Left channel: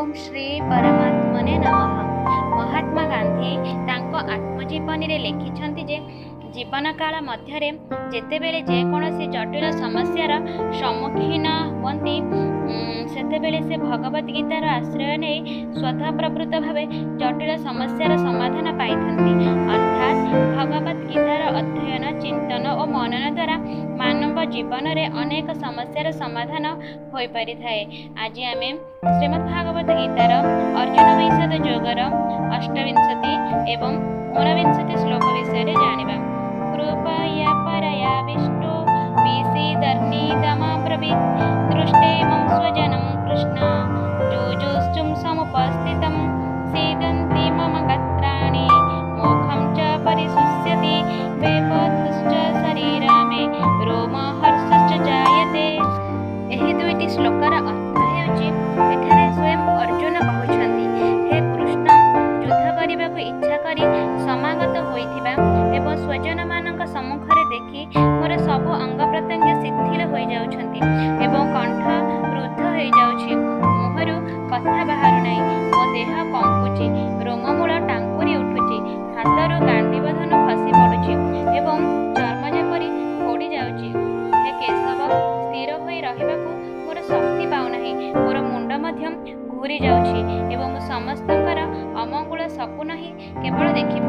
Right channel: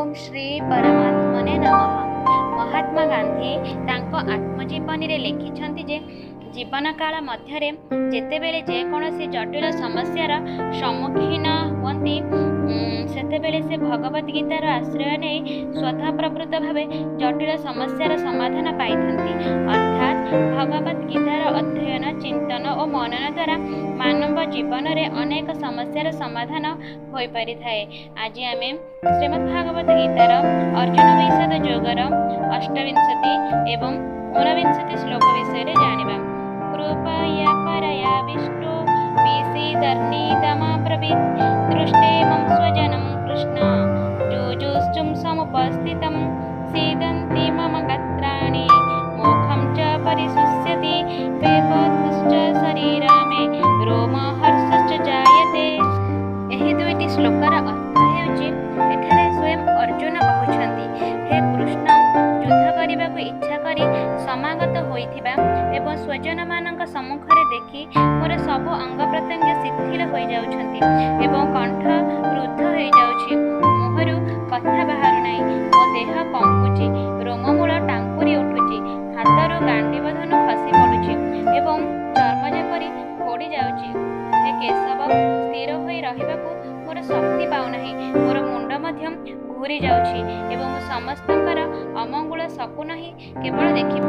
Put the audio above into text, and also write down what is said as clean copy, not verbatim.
ओम श्री परमात्मने नमः। महात्मा गांधी तांको आत्मजीवनी रे लिखिछन्ति जे जीवन काल मध्यरे जेतेबेले जेकोसी जटिल समस्यार सम्मुखीन हुअन्ति सेतेबेले से भगवत गीतार आश्रय नै स्वतः प्रवृत्त भावे जटिल समस्यार समाधान पाइथन्ति। अर्थात भगवत गीतार अध्ययन चिंतन और मनन द्वारा मानव जीवन रे अनेक समस्यार समाधान होई पारि थाए। आज आमे श्रीमद्भागवत गीतार अर्जुन विषाद योगर 28 एवं 29 श्लोक विषय जानिबा। कृपया परया विष्णु विसीदर्निदमब्रवीत् दृष्टे मम स्वजनं कृष्ण जुजुष्टुं समुपस्थितं सीदन्ति मम गात्राणि मोखं च परिशुष्यति वेपथुश्च शरीरा मे रोमहर्षश्च जायते। एही दुईटी श्लोकर अर्थ हेउछि एठारे स्वयं अर्जुन कहउछन्ति, हे कृष्ण युद्ध करने को इच्छा करी समागत होइथिबा एवं स्वजन मानक सम्मुखरे देखि मोर सबु अंग प्रत्यंग शिथिल हो जाउछन्ति एवं कंठ रुद्ध हो जाउछि, मुहरु कथा बाहरु नै, मो देह कंपुछि, रोममूल टांकुरी उठुछि, हाथरु गांडीव धनु खसी पडुछि एवं चर्म जेपरि फोड़ी जाउछि। हे केशव स्थिर होई रहिबाकू मोर शक्ति पाउनाही, मोर मुंड मध्यम घूरी जाउछि एवं समस्तंकर अमंगल सपन ही केवल देखि